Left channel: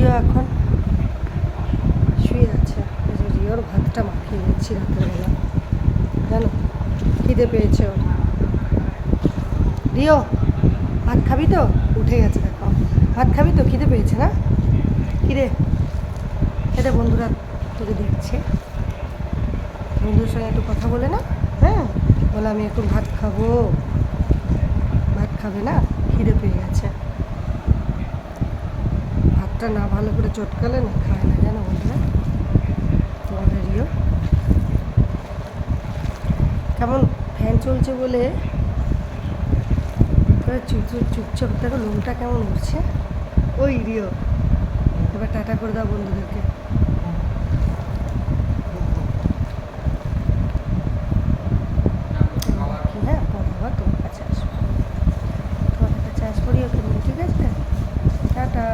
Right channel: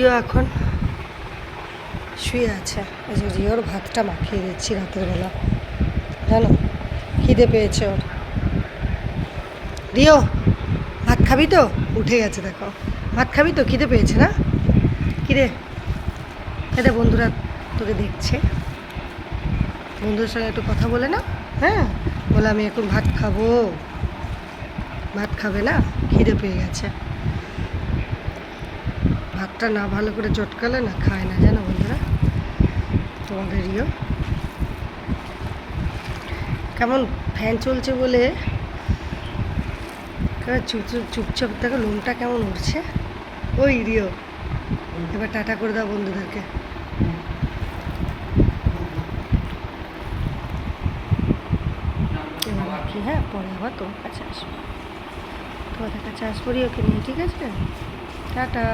Rio এখন শুয়ে আছে। এই যে রিওর ভাতটা মাখিয়ে দিচ্ছি রাতের বেলা, জানো, খিদে পেয়েছে ওর। রিও ভাত খাবি তো? উঠে গেছে দেখো। ভাত খাবি তো? খিদে পেয়েছে না? কিরে খেতে, বন্ধুরা তোকে দেখছে, বন্ধুদের সঙ্গে একটু কথা বলে না। হ্যাঁ, বলে আমি এখন ভাত খাবো। ভাত খাবে না? খিদে পেয়ে গেছে। ভাতটা না ভালো করে চটকালে না খায় না, জানো বন্ধুরা। তোমাদের রিও কেমন ফ্যান চলছে বলে চুপচাপ দেখো, লোমটা কেমন উঠছে। ওই রিও, এবার টাটা করে দাও বন্ধুদেরকে। এবার রাখি, হ্যাঁ, পরে আবার তোমার কাছে আসবো, তোমাদের কাছে আসবো রিওকে নিয়ে, ঠিক আছে? টাটা।